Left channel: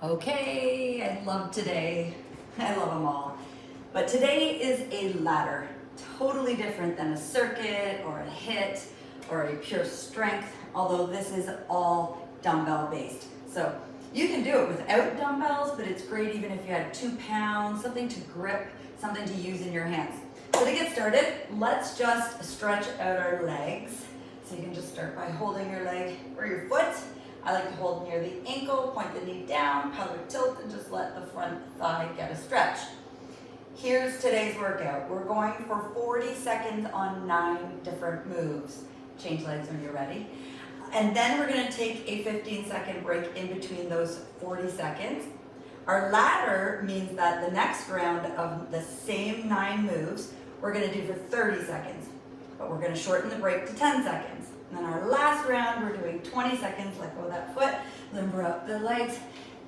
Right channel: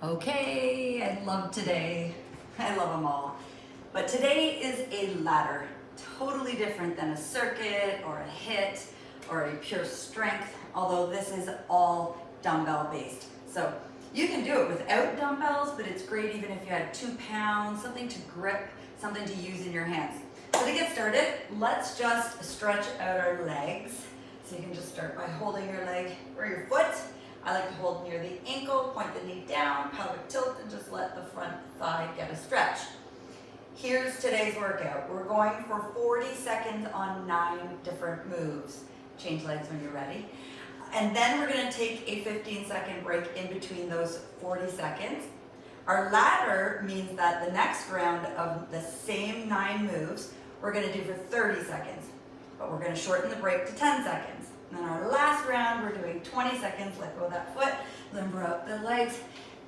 Okay, I love today. I love them all. But today is a ladder, totally different than a circuit or a HIIT or a pure strength, although this is all dumbbell based. So you can do it without dumbbells, but it's great even if you had 2 pounds, something to grip, something to use in your hands. So to get started, let's just stretch out our legs. So you can just start by holding your leg or your foot. I like to hold near the ankle, point the knee down, pelvic tilt, and just let the front thigh get a stretch. Here's today's workout. We're going for 40 seconds on 9 different moves. Change legs when you're ready. And then we're gonna take a 15-second break in between those 40 seconds. Our ladder means that the next round of the same 9 moves, we're gonna do for 30 seconds, but we're gonna shorten the break to 10 seconds. And then our last round, we're doing 20 seconds, let go of that foot, limber up the legs.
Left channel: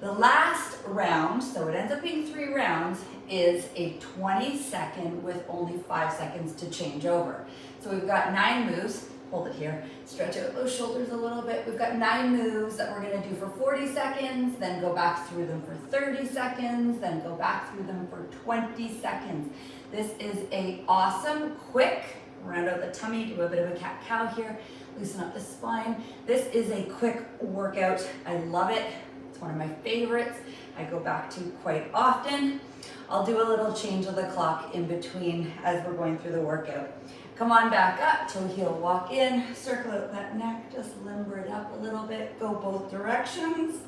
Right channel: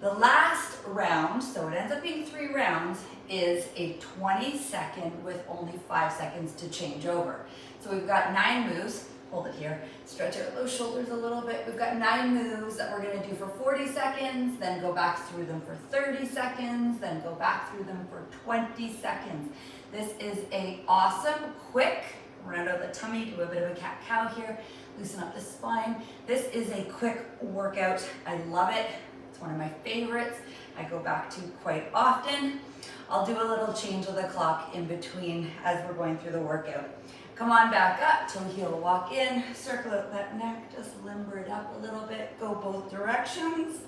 The last round, so it ends up being 3 rounds, is a 20-second with only 5 seconds to change over. So we've got 9 moves, hold it here, stretch out those shoulders a little bit. We've got 9 moves that we're gonna do for 40 seconds, then go back through them for 30 seconds, then go back through them for 20 seconds. This is a awesome, quick, round out the tummy, do a bit of a cat-cow here, loosen up the spine. This is a quick workout. I love it. It's one of my favorites. I go back to quite often. I'll do a little change of the clock in between as we're going through the workout. Come on back up, toe heel walk in, circle out that neck, just limber it up a little bit, go both directions.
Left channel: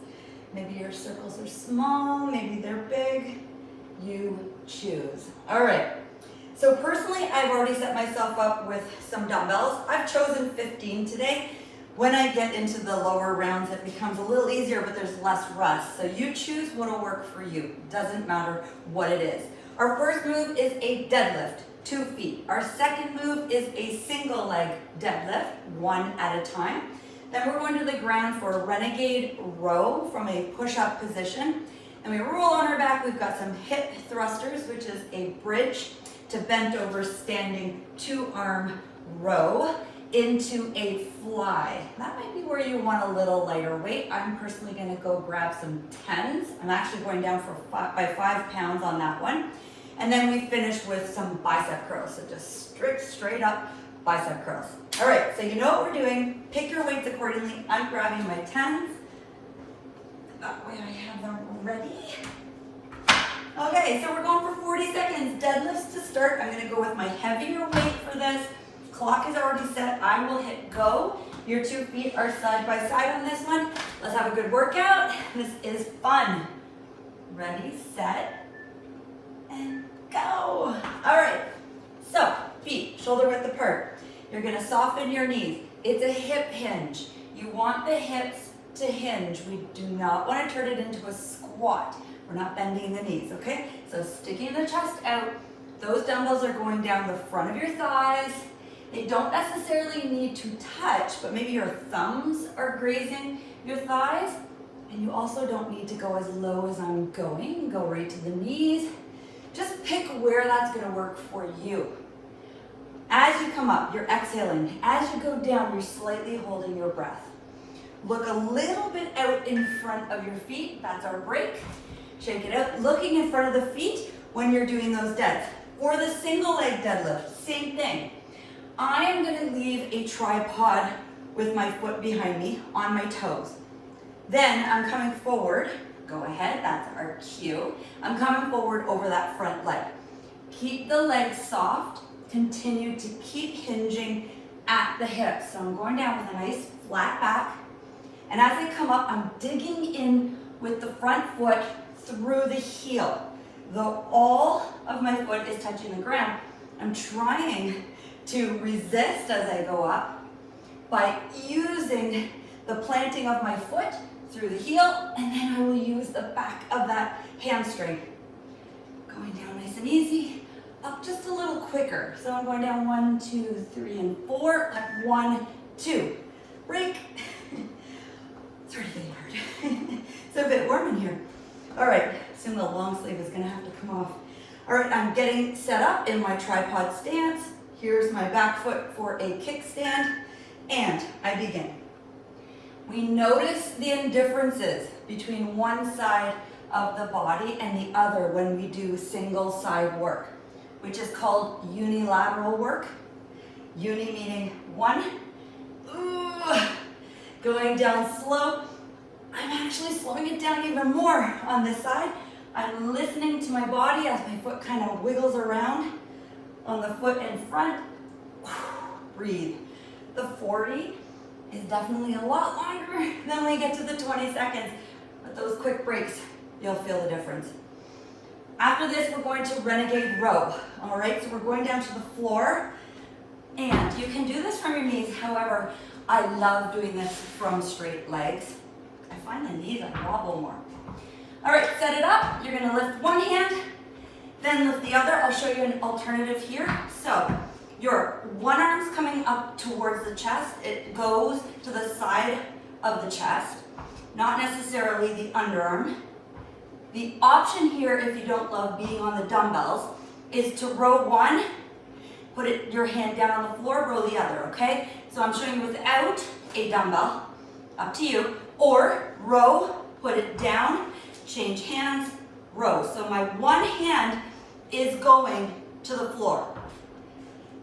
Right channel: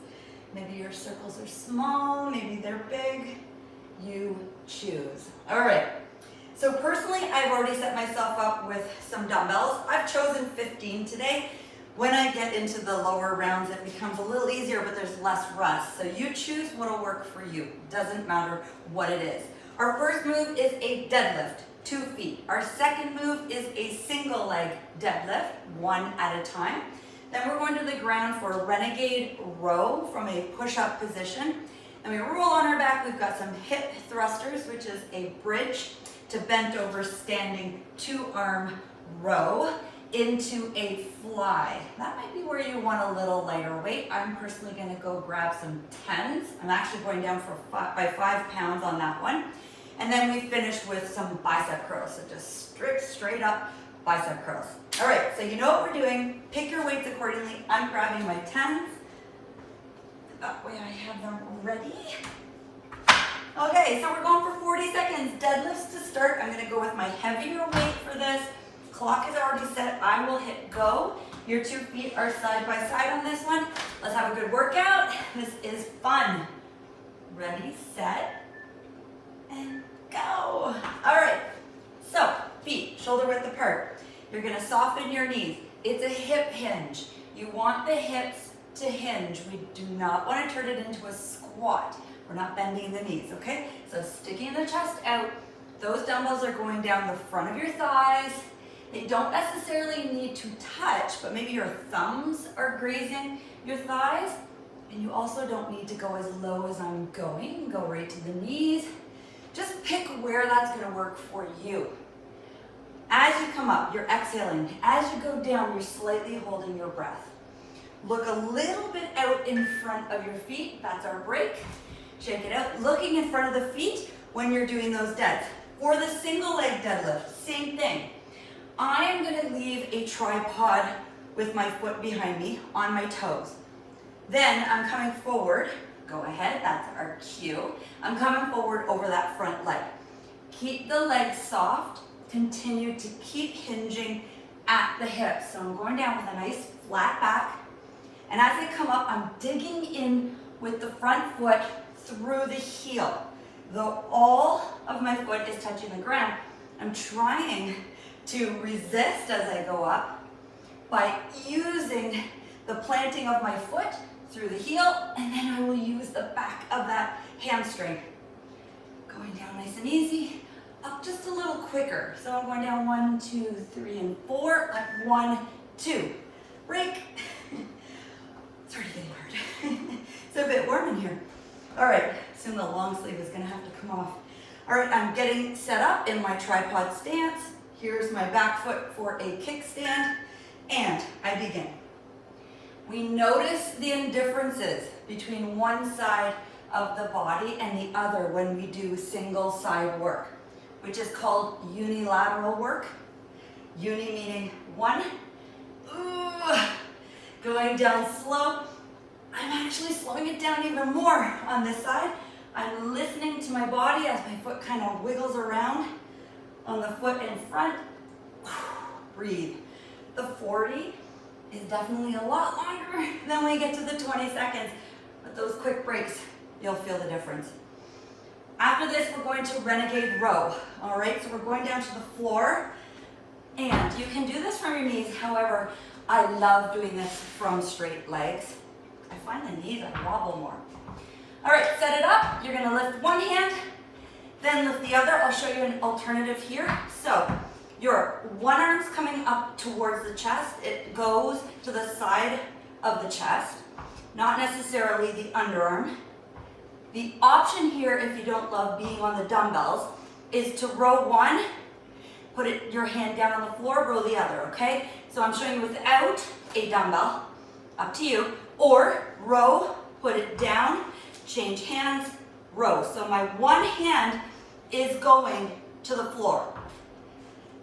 Maybe your circles are small, maybe they're big. You choose. All right. So personally, I've already set myself up with some dumbbells. I've chosen 15 today. When I get into the lower rounds, it becomes a little easier, but there's less rest. So you choose what'll work for you. Doesn't matter what it is. Our first move is a deadlift, 2 feet. Our second move is a single leg deadlift, 1 at a time. Then we're going to the ground for a renegade row from a push-up position. And we roll on our back. We've got some hip thrusters, which is a bridge to bent over standing 2-arm row into a fly. That might be where you want a little lighter weight. I'm personally gonna go grab some 10s. I'm actually going down by 5 pounds on that one. And then we finish with some bicep curls. So just straight up bicep curls. All right, so you know what we're doing. Pick your weights accordingly. I'm grabbing my 10s. That way I have them ready. Okay, so we're going for 40 seconds. Deadlifts to start. I'm gonna go with my heavier weight for this. Clock is already set. I will hit go. Your 2 feet are side by side on this one. Let's have a good workout. This is fun. Ready, set, and go. All right, so feet shoulder width apart. You're gonna soften your knees. It's a hip hinge. You want the hips to hinge. We do not want to turn it into a squat. We're not bending the knees, okay? So sticking the chest out, those dumbbells are going down the front of your thighs. They don't necessarily need to touch, but maybe your thumbs are grazing your thighs. And you also don't need to go as low as I'm going. Go right to the knees. Just pick where that's gonna work for you. As you come up, you're exhaling. As you go down, you're slightly holding your breath. Look a little bit out in front of your feet. That's our break. Shake it out. Looking in front of the feet when you're doing those deads. For the single leg deadlift, same thing. I am going to leave a tripod with my foot behind me on my toes. Then I'm coming forward. Go ahead, that's our cue. I'm coming forward over that front leg. Keep the legs soft. Continue to keep hinging at the hips. So I'm going down with a nice flat back. And as I come up, I'm digging in with the front foot through the heel. Though all of my foot is touching the ground, I'm trying to resist as I go up by using the planting of my foot through the heel, and then I will use the back of that hamstring. Going down nice and easy, up just a little quicker. So I'm going down 1, 2, 3, and 4, up 1, 2. Break. It's already getting hard. It's a bit warm in here. All right, soon the long sleeve is gonna have to come off. All right, I'm getting set up in my tripod stance. Here's my back foot for a kickstand, and I begin. We notice the indifferences between one side of the body and the other when we do single side work, which is called unilateral work. Uni meaning one, going down slow. I'm actually slowing it down even more on this side. I'm listening to my body as my foot kind of wiggles around on the foot in front. Breathe. The 40 is definitely a lot longer than we get to the 20 seconds, but those quick breaks, you'll feel the difference. After this, we're going to renegade row. All right, so we're going down to the floor, and you can do this from your knees. However, I love doing this from straight legs. I find the knees, I wobble more. All right, set it up. You're gonna lift one hand, then lift the other. I'll show you an alternative here. So your one arm's coming up towards the chest. It goes to the side of the chest, not necessarily the underarm. The option here, if you don't love being on the dumbbells, is to row one, put your hand down on the floor, row the other, okay? So I'm showing you without a dumbbell, up to you, or row, put it down, change hands, row. So my one hand is going to the floor.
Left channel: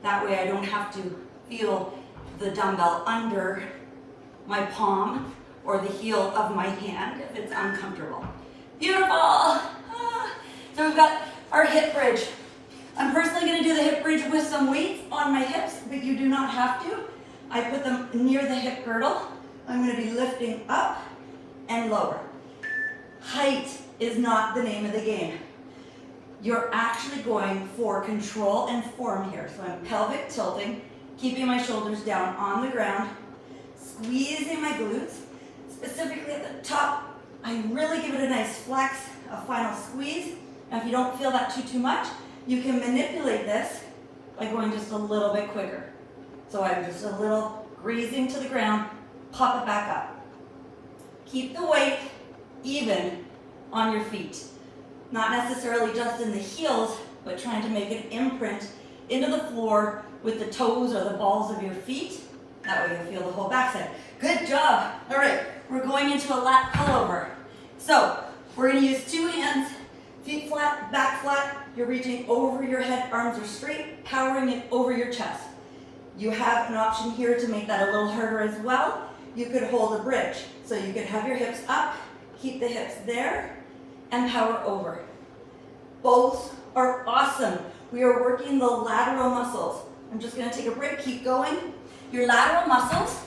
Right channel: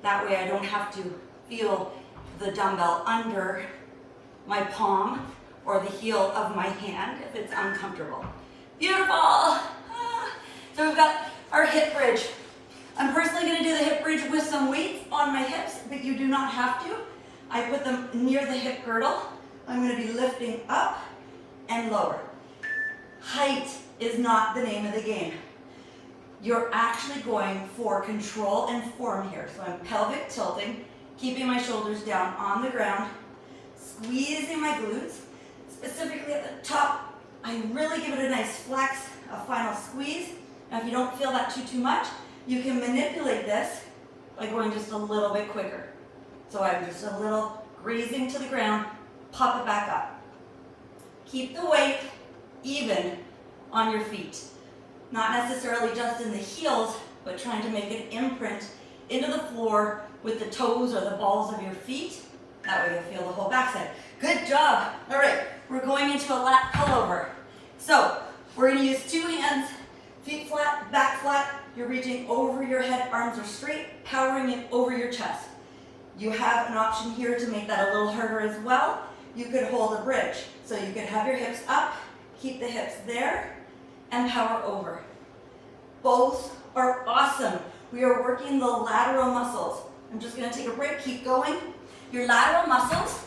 That way I don't have to feel the dumbbell under my palm or the heel of my hand if it's uncomfortable. Beautiful. So we've got our hip bridge. I'm personally going to do the hip bridge with some weights on my hips, but you do not have to. I put them near the hip girdle. I'm going to be lifting up and lower. Height is not the name of the game. You're actually going for control and form here. So I'm pelvic tilting, keeping my shoulders down on the ground, squeezing my glutes, specifically at the top. I really give it a nice flex, a final squeeze. Now if you don't feel that too much, you can manipulate this by going just a little bit quicker. So I'm just a little grazing to the ground, pop it back up. Keep the weight even on your feet. Not necessarily just in the heels, but trying to make an imprint into the floor with the toes or the balls of your feet. That way you'll feel the whole backside. Good job. All right, we're going into a lat pullover. So we're going to use two hands, feet flat, back flat. You're reaching over your head, arms are straight, powering it over your chest. You have an option here to make that a little harder as well. You could hold a bridge. So you could have your hips up, keep the hips there, and power over. Both are awesome. We are working the lateral muscles. I'm just going to take a break, keep going. Your lateral muscles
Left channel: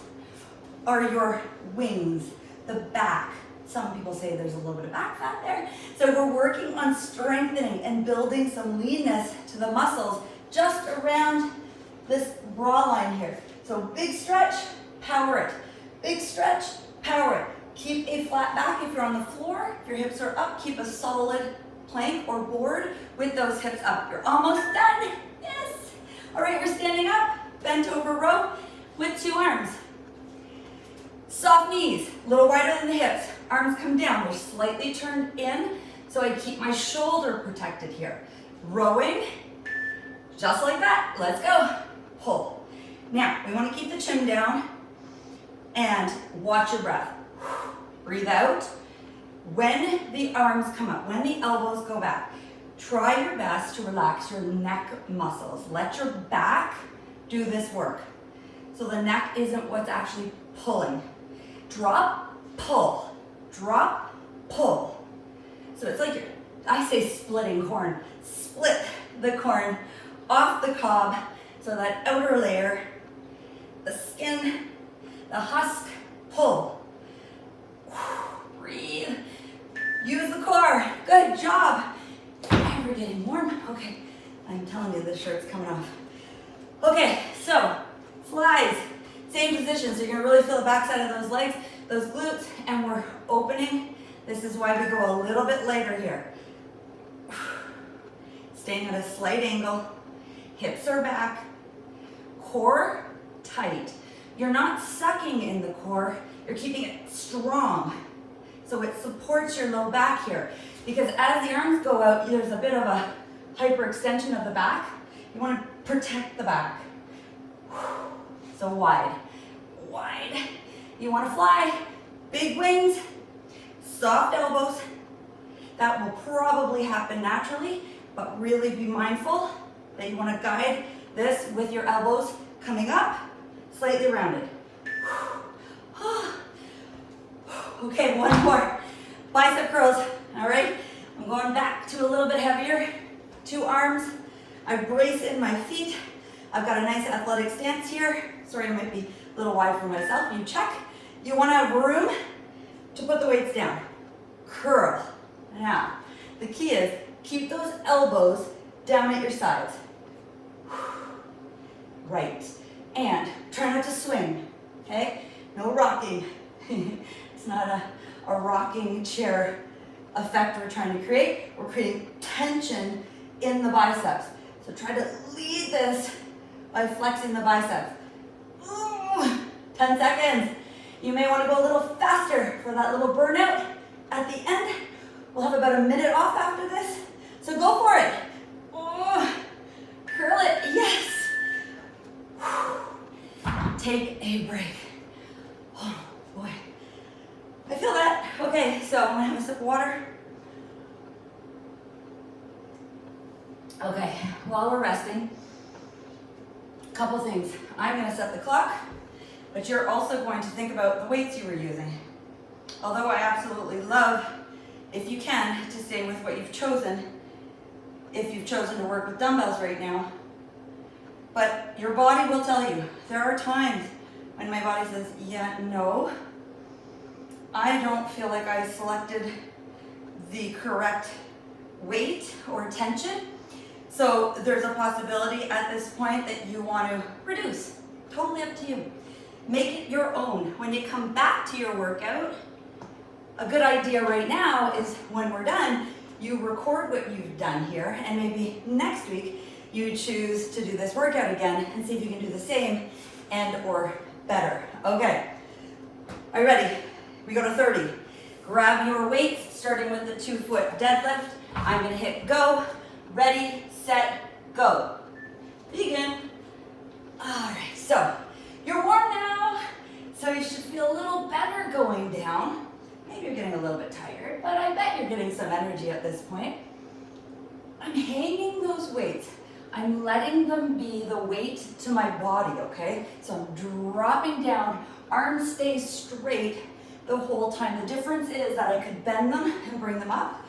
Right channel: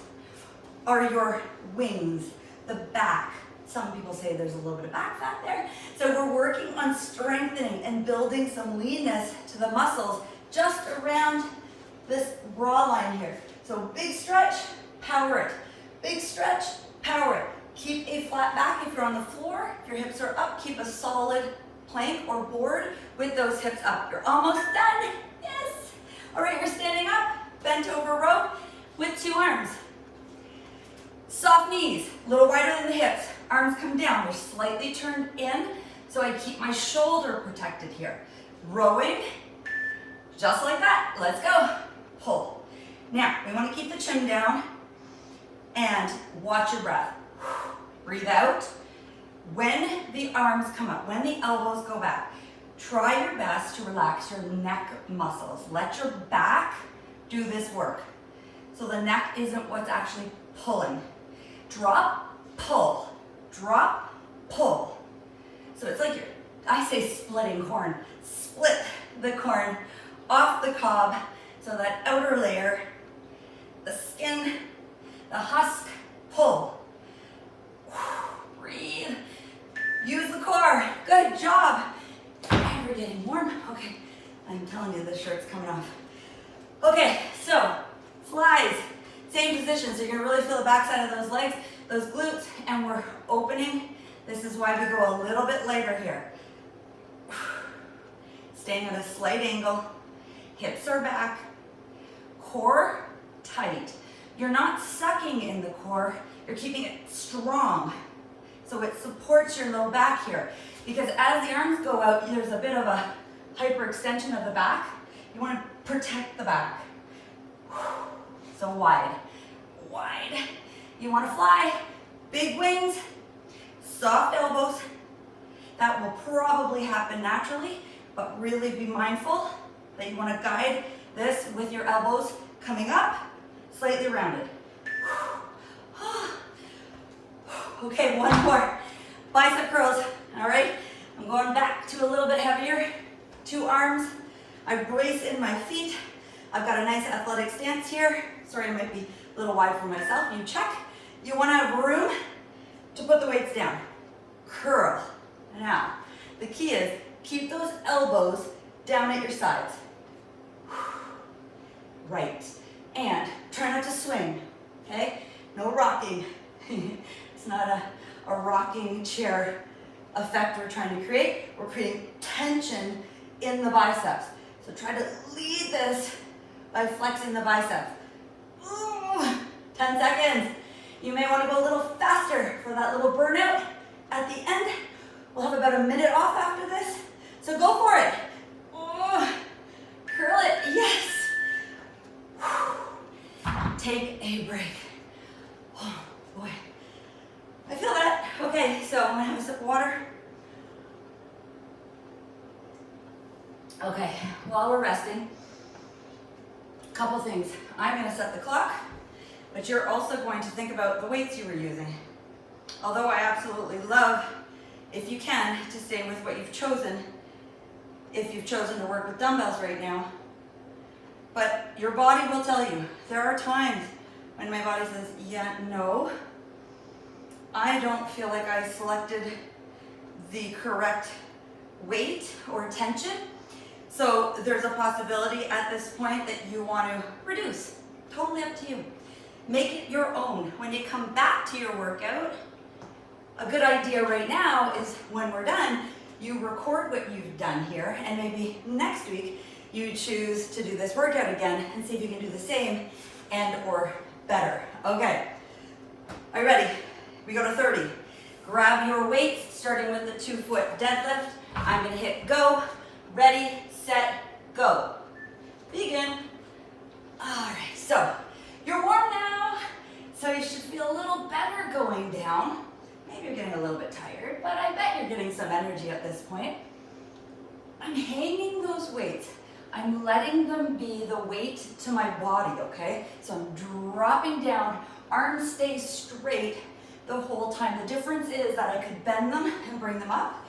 are your wings, the back. Some people say there's a little bit of back fat there. So we're working on strengthening and building some leanness to the muscles just around this bra line here. So big stretch, power it. Big stretch, power it. Keep a flat back if you're on the floor. If your hips are up, keep a solid plank or board with those hips up. You're almost done. Yes. All right, we're standing up, bent over row with two arms. Soft knees, a little wider than the hips. Arms come down, we're slightly turned in, so I keep my shoulder protected here. Rowing, just like that. Let's go. Pull. Now, we want to keep the chin down and watch your breath. Breathe out. When the arms come up, when the elbows go back, try your best to relax your neck muscles. Let your back do this work. So the neck isn't what's actually pulling. Drop, pull, drop, pull. So it's like I say splitting corn. Split the corn off the cob so that outer layer, the skin, the husk, pull. Breathe. Use the core. Good job. You're getting warm. Okay, I'm telling you, this shirt's coming off. Okay, so flies. Same position, so you're gonna really feel the backside of those legs, those glutes, and we're opening. This is why we go a little bit lighter here. Staying at a slight angle, hips are back, core tight. You're not sucking in the core, you're keeping it strong. So it supports your low back here. Because as the arms go out, there's a bit of a hyperextension of the back. You wanna protect the back. So wide, wide. You wanna fly, big wings, soft elbows. That will probably happen naturally, but really be mindful that you want to guide this with your elbows coming up, slightly rounded. Okay, one more. Bicep curls, all right? I'm going back to a little bit heavier. 2 arms. I brace in my feet. I've got a nice athletic stance here. Sorry, I might be a little wide for myself. You check. You want to have room to put the weights down. Curl. Now, the key is keep those elbows down at your sides. Right. And try not to swing, okay? No rocking. It's not a rocking chair effect we're trying to create. We're creating tension in the biceps. So try to lead this by flexing the biceps. 10 seconds. You may want to go a little faster for that little burnout at the end. We'll have about a minute off after this. So go for it. Curl it, yes. Take a break. Oh boy. I feel that. Okay, so I'm gonna have a sip of water. Okay, while we're resting, a couple things. I'm gonna set the clock, but you're also going to think about the weights you were using. Although I absolutely love, if you can, to stay with what you've chosen, if you've chosen to work with dumbbells right now. But your body will tell you. There are times when my body says, yeah, no, I don't feel like I selected the correct weight or tension. So there's a possibility at this point that you want to reduce. Totally up to you. Make it your own. When you come back to your workout, a good idea right now is when we're done, you record what you've done here, and maybe next week you choose to do this workout again and see if you can do the same and or better. Okay, are you ready? We go to 30. Grab your weights, starting with the 2-foot deadlift. I'm gonna hit go, ready, set, go. Begin. All right, so you're warm now, so you should feel a little better going down. Maybe you're getting a little bit tired, but I bet you're getting some energy at this point. I'm hanging those weights. I'm letting them be the weight to my body, okay? So I'm dropping down, arms stay straight the whole time. The difference is that I could bend them and bring them up,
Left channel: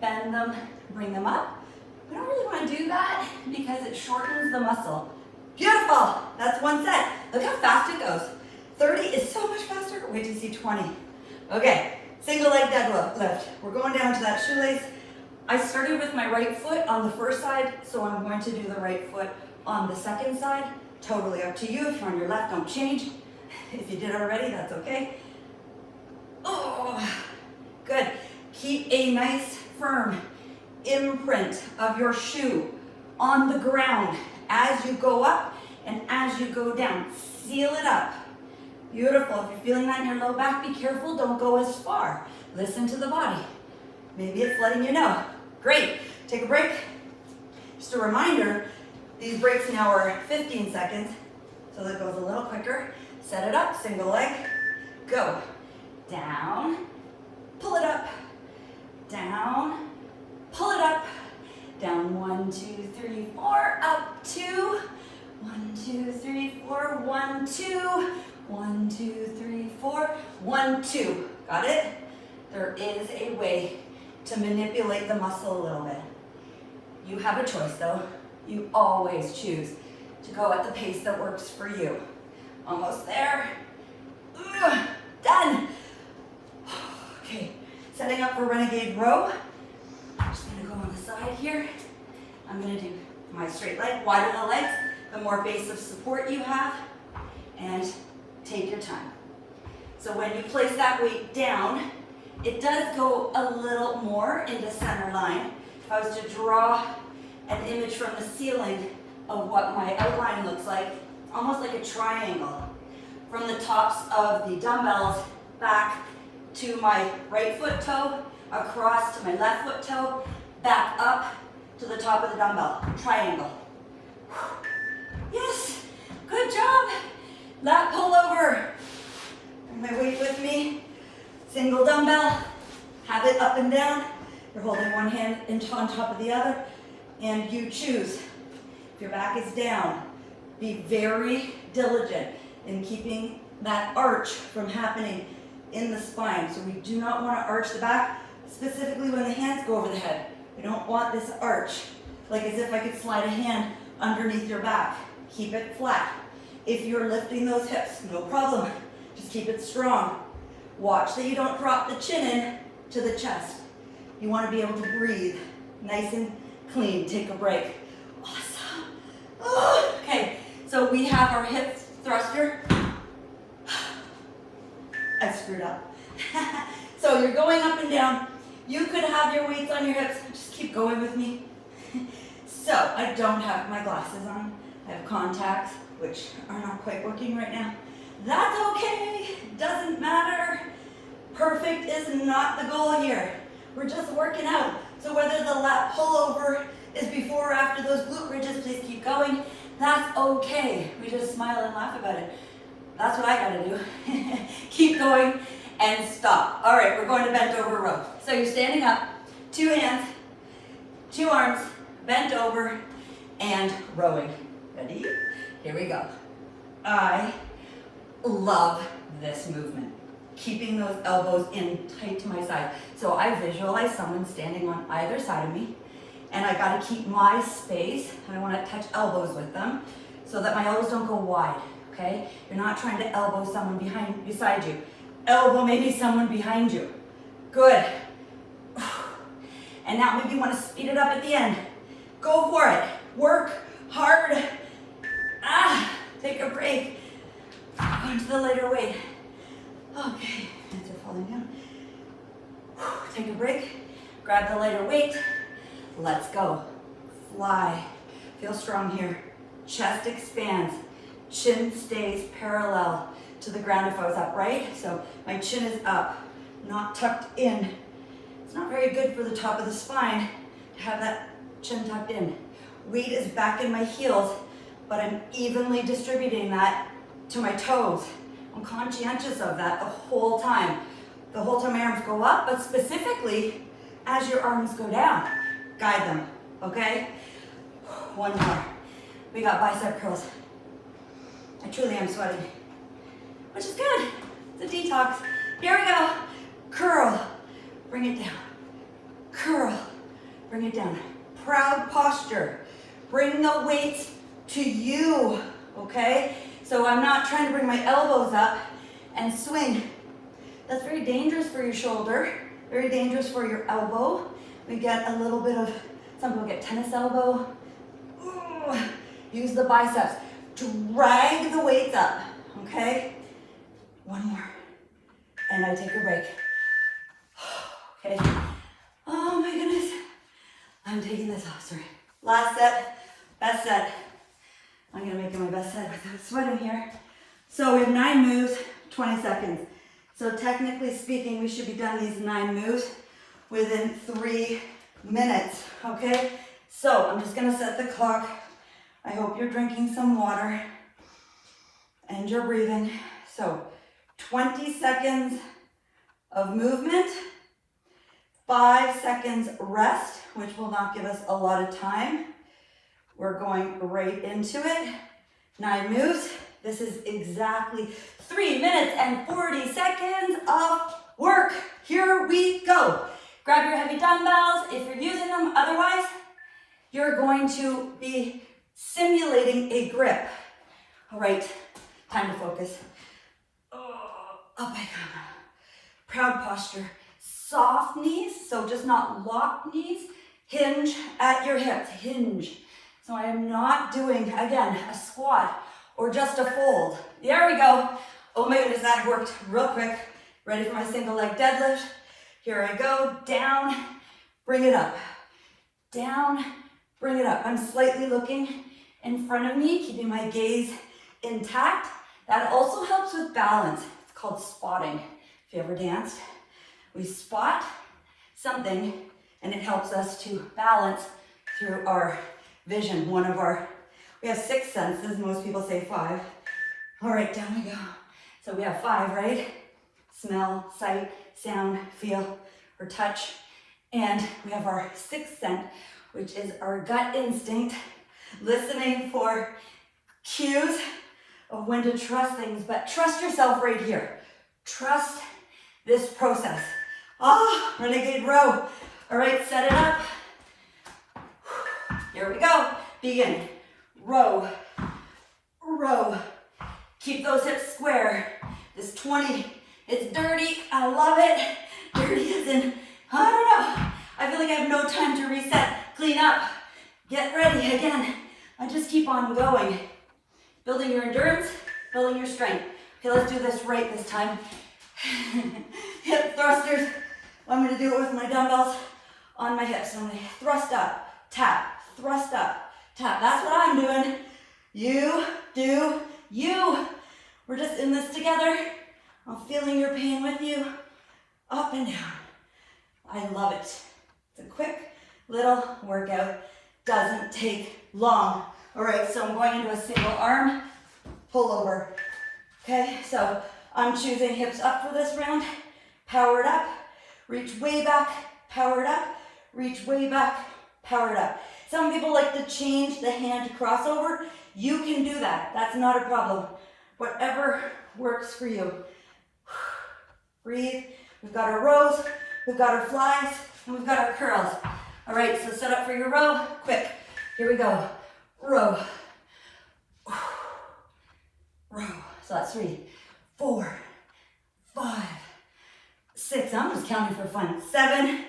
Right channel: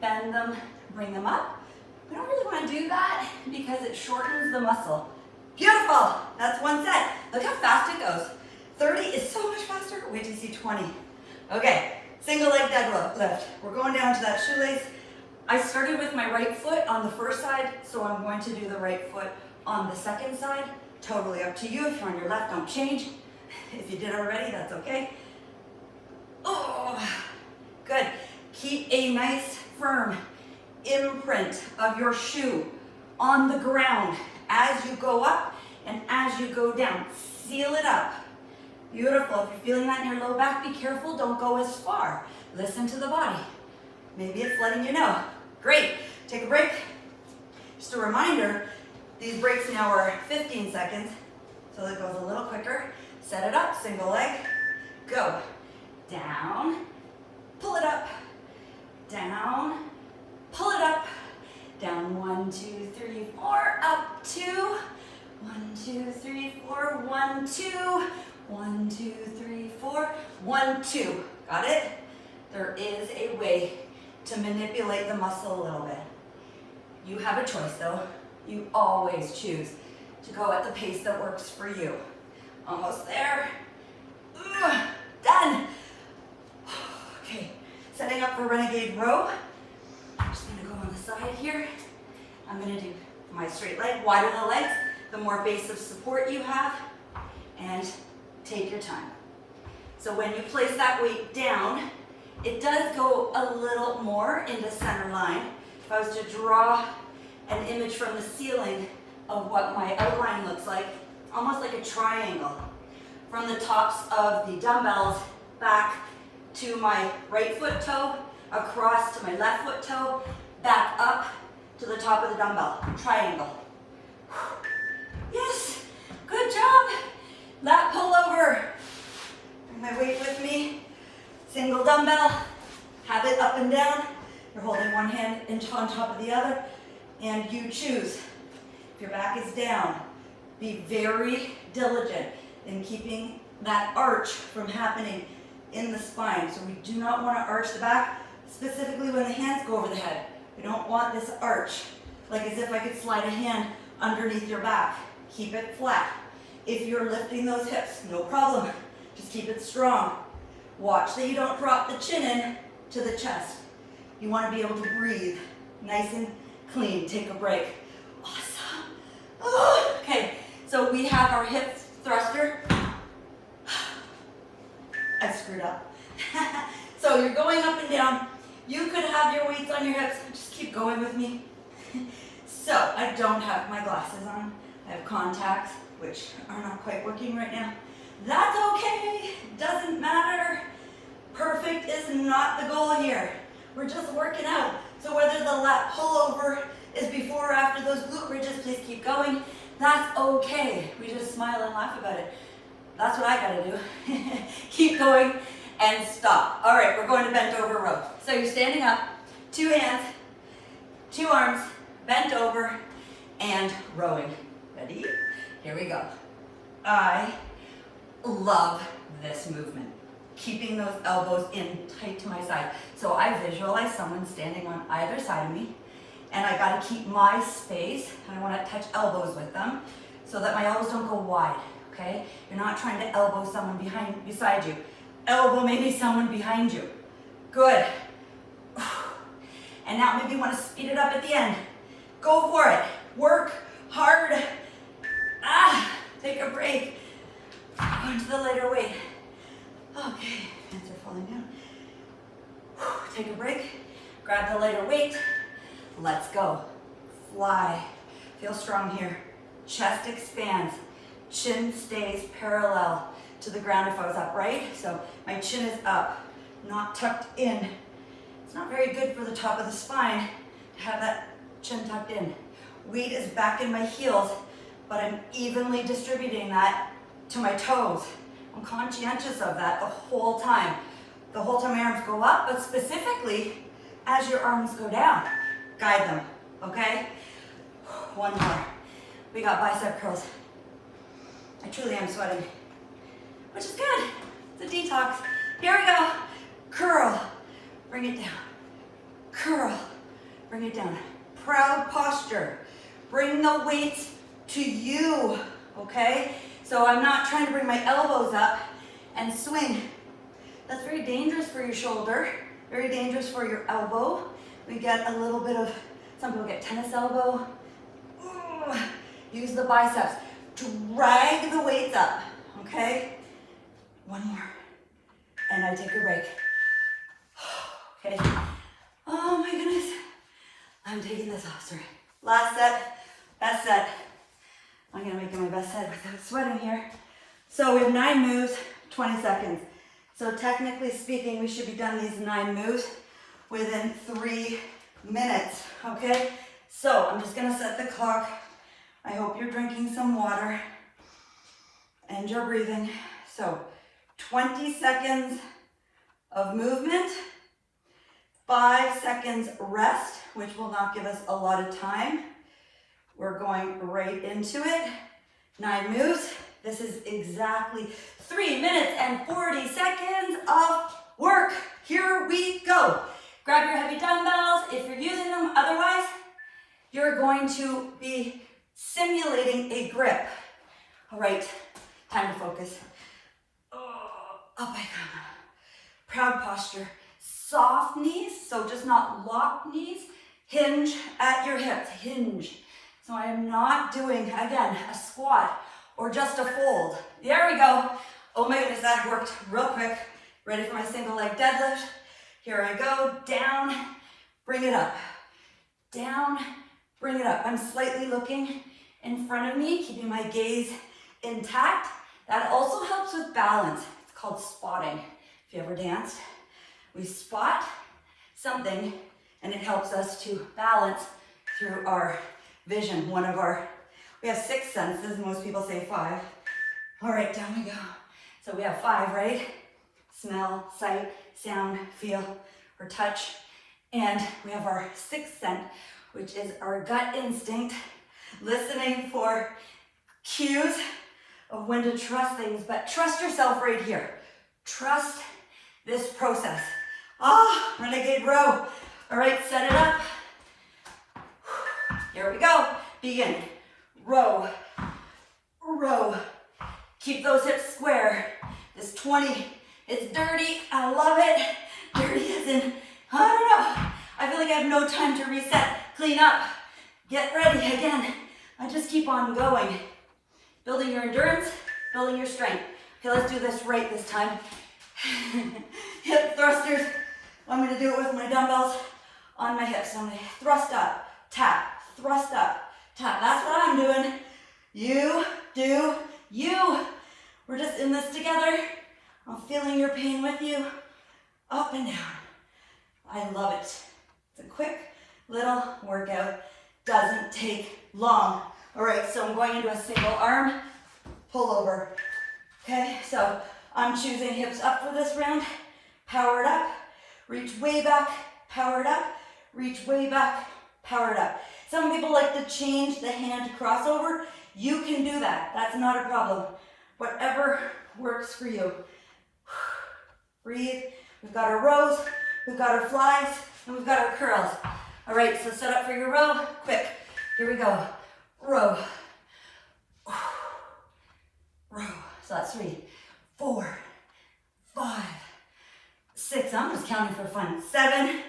bend them, bring them up. We don't really want to do that because it shortens the muscle. Beautiful, that's one set. Look how fast it goes. 30 is so much faster. Wait till you see 20. Okay, single leg deadlift. We're going down to that shoelace. I started with my right foot on the first side, so I'm going to do the right foot on the second side. Totally up to you. If you're on your left, don't change. If you did already, that's okay. Oh, good. Keep a nice, firm imprint of your shoe on the ground as you go up and as you go down. Seal it up. Beautiful. If you're feeling that in your low back, be careful. Don't go as far. Listen to the body. Maybe it's letting you know. Great. Take a break. Just a reminder, these breaks now are 15 seconds, so that goes a little quicker. Set it up, single leg, go. Down, pull it up, down, pull it up, down, 1, 2, 3, 4, up, 2, 1, 2, 3, 4, 1, 2, 1, 2, 3, 4, 1, 2. Got it? There is a way to manipulate the muscle a little bit. You have a choice though. You always choose to go at the pace that works for you. Almost there. Done. Okay, setting up for renegade row. I'm just gonna go on the side here. I'm gonna do my straight leg, widen the legs, the more base of support you have, and take your time. So when you place that weight down, it does go a little more into center line. If I was to draw an image from the ceiling of what my outline looks like, almost like a triangle. From the tops of the dumbbells back to my right foot toe, across to my left foot toe, back up to the top of the dumbbell, triangle. Yes, good job. Lat pull over. Bring my weight with me. Single dumbbell, Have it up and down. You're holding one hand on top of the other, and you choose. If your back is down, be very diligent in keeping that arch from happening in the spine. So we do not want to arch the back, specifically when the hands go over the head. We don't want this arch, like as if I could slide a hand underneath your back. Keep it flat. If you're lifting those hips, no problem. Just keep it strong. Watch that you don't drop the chin in to the chest. You want to be able to breathe nice and clean. Take a break. Awesome. Oh, okay, so we have our hip thruster. I screwed up. So you're going up and down. You could have your weights on your hips. Just keep going with me. So I don't have my glasses on. I have contacts, which are not quite working right now. That's okay. Doesn't matter. Perfect is not the goal here. We're just working out. So whether the lat pullover is before or after those glute bridges, please keep going. That's okay. We just smile and laugh about it. That's what I gotta do. Keep going and stop. All right, we're going to bent over row. So you're standing up, 2 hands, 2 arms, bent over, and rowing. Ready? Here we go. I love this movement. Keeping those elbows in tight to my side. So I visualize someone standing on either side of me, and I gotta keep my space. I wanna touch elbows with them so that my elbows don't go wide, okay? You're not trying to elbow someone beside you. Elbow maybe someone behind you. Good. And now maybe you wanna speed it up at the end. Go for it. Work hard. Take a break. Go into the lighter weight. Okay, hands are falling down. Take a break, grab the lighter weight. Let's go. Fly. Feel strong here. Chest expands. Chin stays parallel to the ground if I was upright. So my chin is up, not tucked in. It's not very good for the top of the spine to have that chin tucked in. Weight is back in my heels, but I'm evenly distributing that to my toes. I'm conscientious of that the whole time. The whole time my arms go up, but specifically as your arms go down, guide them, okay? One more. We got bicep curls. I truly am sweating, which is good. It's a detox. Here we go. Curl, bring it down. Curl, bring it down. Proud posture. Bring the weights to you, okay? So I'm not trying to bring my elbows up and swing. That's very dangerous for your shoulder, very dangerous for your elbow. We get a little bit of, some people get tennis elbow. Ooh. Use the biceps. Drag the weights up, okay? One more, and I take a break. Okay, oh my goodness. I'm taking this off, sorry. Last set, best set. I'm gonna make it my best set without sweating here. So we have 9 moves, 20 seconds. So technically speaking, we should be done these 9 moves within 3 minutes, okay? So I'm just gonna set the clock. I hope you're drinking some water and you're breathing. So 20 seconds of movement, 5 seconds rest, which will not give us a lot of time. We're going right into it. 9 moves. This is exactly 3 minutes and 40 seconds of work. Here we go. Grab your heavy dumbbells if you're using them. Otherwise, you're going to be simulating a grip. All right, time to focus. Oh, up I come. Proud posture. Soft knees, so just not locked knees. Hinge at your hips, hinge. So I am not doing, again, a squat or just a fold. There we go. Oh my goodness, that worked real quick. Ready for my single leg deadlift. Here I go, down, bring it up. Down, bring it up. I'm slightly looking in front of me, keeping my gaze intact. That also helps with balance. It's called spotting. If you ever danced, we spot something and it helps us to balance through our vision. We have 6 senses, most people say 5. All right, down we go. So we have 5, right? Smell, sight, sound, feel. or touch. And we have our sixth sense, which is our gut instinct, listening for cues of when to trust things, but trust yourself right here. Trust this process. Renegade row. All right, set it up. Here we go. Begin. Row, row. Keep those hips square. This 20, it's dirty. I love it. Dirty as in, I don't know. I feel like I have no time to reset, clean up, get ready again. I just keep on going. Building your endurance, building your strength. Okay, let's do this right this time. Hip thrusters. Want me to do it with my dumbbells on my hips. I'm going to thrust up, tap, thrust up, tap. That's what I'm doing. You do you. We're just in this together. I'm feeling your pain with you. Up and down. I love it. It's a quick little workout. Doesn't take long. All right, so I'm going into a single arm pull over. Okay, so I'm choosing hips up for this round. Power it up. Reach way back. Power it up. Reach way back. Power it up. Some people like to change the hand to crossover. You can do that. That's not a problem. Whatever works for you. Breathe. We've got our rows, we've got our flies, and we've got our curls. All right, so set up for your row. Quick. Here we go. Row. Row. So that's 3, 4, 5, 6. I'm just counting for fun. 7,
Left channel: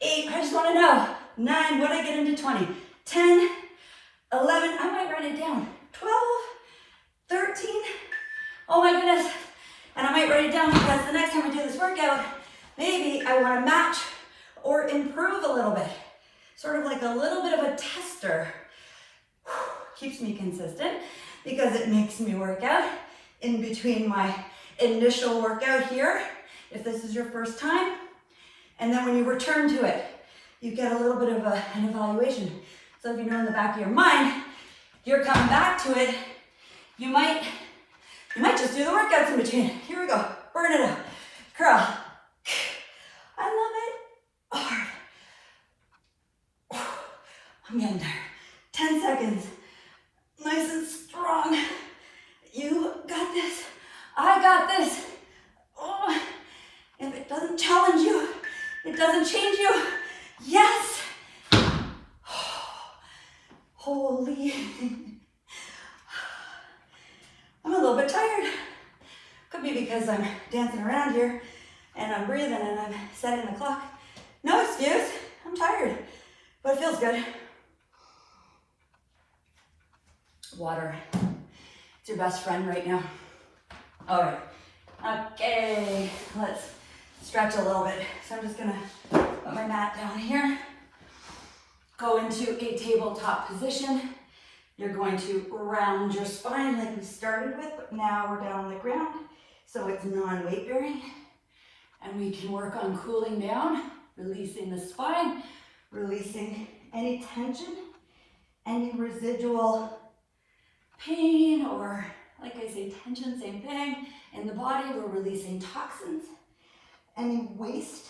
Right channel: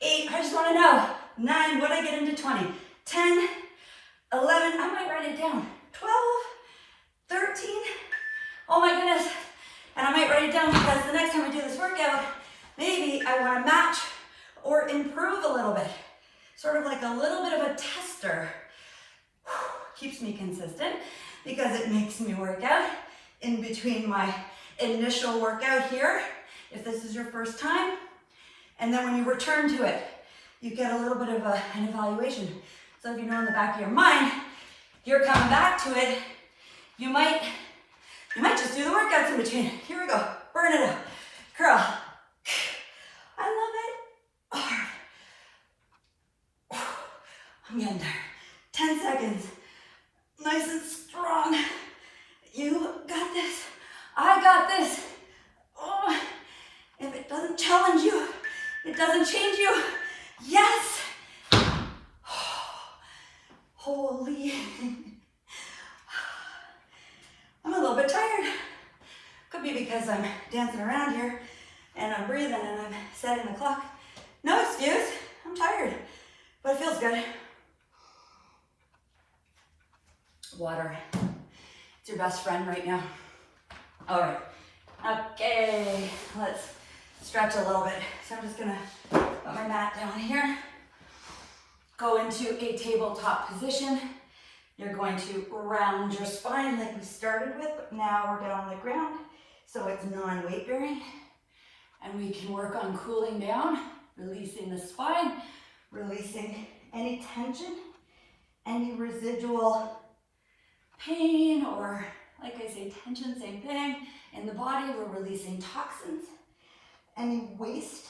8. I just want to know. 9. What did I get into 20? 10, 11. I might write it down. 12, 13. Oh my goodness. And I might write it down because the next time I do this workout, maybe I want to match or improve a little bit. Sort of like a little bit of a tester. Keeps me consistent because it makes me work out in between my initial workout here, if this is your first time. And then when you return to it, you get a little bit of an evaluation. So if you know in the back of your mind, you're coming back to it, you might just do the workouts in between. Here we go. Burn it up. Curl. I love it. Hard. I'm getting there. 10 seconds. Nice and strong. You got this. I got this. Oh, if it doesn't challenge you, it doesn't change you. Yes. Holy. I'm a little bit tired. Could be because I'm dancing around here and I'm breathing and I'm setting the clock. No excuse. I'm tired, but it feels good. Water. It's your best friend right now. All right. Okay. Let's stretch a little bit. So I'm just gonna put my mat down here. Go into a tabletop position. You're going to round your spine like we started with, but now we're down on the ground, so it's non-weight bearing. And we can work on cooling down, releasing the spine, releasing any tension, any residual pain, or like I say, tension, same thing. In the body, we're releasing toxins, any waste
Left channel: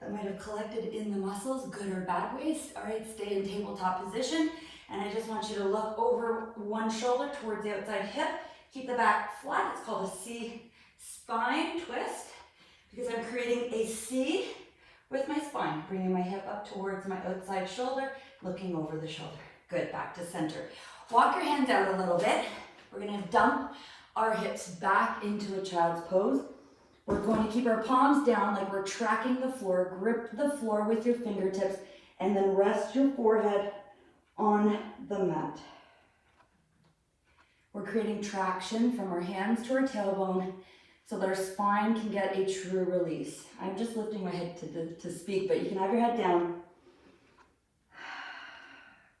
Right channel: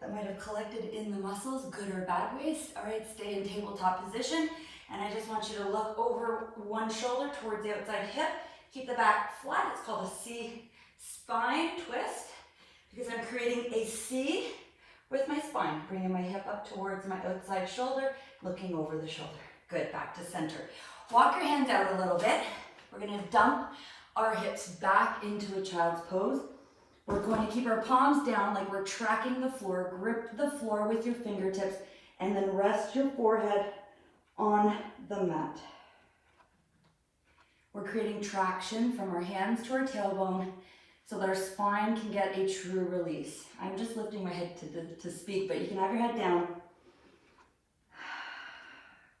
that might have collected in the muscles, good or bad waste. All right, stay in tabletop position. And I just want you to look over one shoulder towards the outside hip. Keep the back flat. It's called a C spine twist because I'm creating a C with my spine, bringing my hip up towards my outside shoulder, looking over the shoulder. Good, back to center. Walk your hands out a little bit. We're gonna dump our hips back into a child's pose. We're going to keep our palms down like we're tracking the floor. Grip the floor with your fingertips and then rest your forehead on the mat. We're creating traction from our hands to our tailbone so that our spine can get a true release. I'm just lifting my head to speak, but you can have your head down.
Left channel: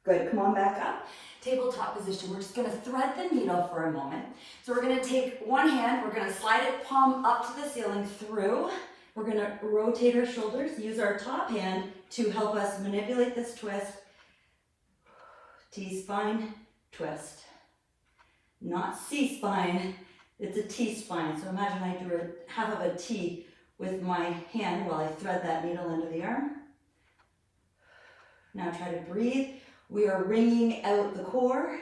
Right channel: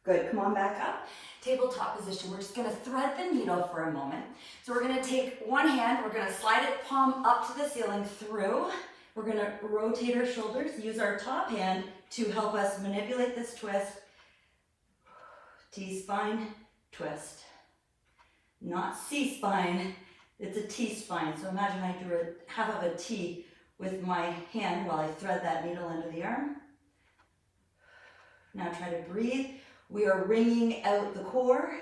Good, come on back up. Tabletop position. We're just gonna thread the needle for a moment. So we're gonna take one hand, we're gonna slide it palm up to the ceiling through. We're gonna rotate our shoulders, use our top hand to help us manipulate this twist. T-spine, twist. Not C-spine, it's a T-spine. So imagine I drew half of a T with my hand while I thread that needle into the arm. Now try to breathe. We are wringing out the core.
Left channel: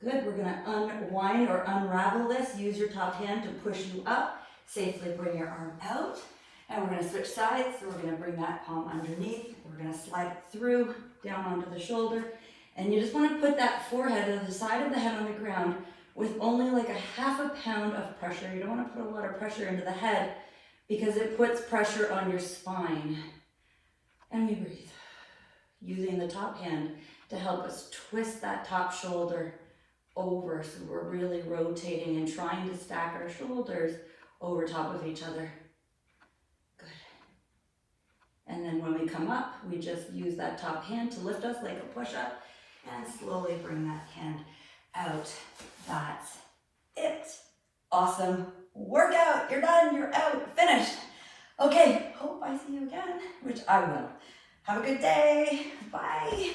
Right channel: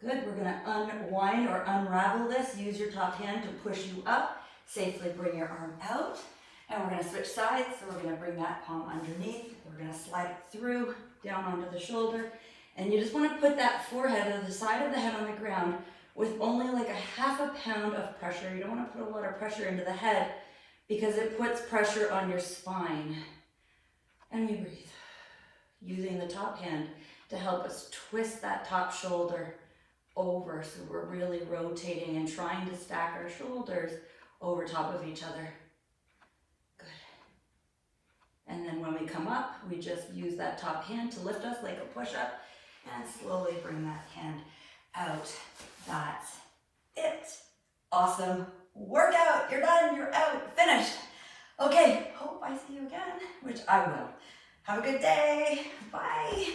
Good, we're gonna unwind or unravel this. Use your top hand to push you up. Safely bring your arm out. And we're gonna switch sides. So we're gonna bring that palm underneath. We're gonna slide it through, down onto the shoulder. And you just wanna put that forehead or the side of the head on the ground with only like a half a pound of pressure. You don't wanna put a lot of pressure into the head because it puts pressure on your spine. And we breathe, using the top hand to help us twist that top shoulder over. So we're really rotating and trying to stack our shoulders over top of each other. Good. And then when we come up, we just use that top hand to lift us like a push-up and slowly bring that hand out. That's it. Awesome workout. You're done. You're out. Finished. Okay. Hope I see you again, which I will. Have a good day. Bye.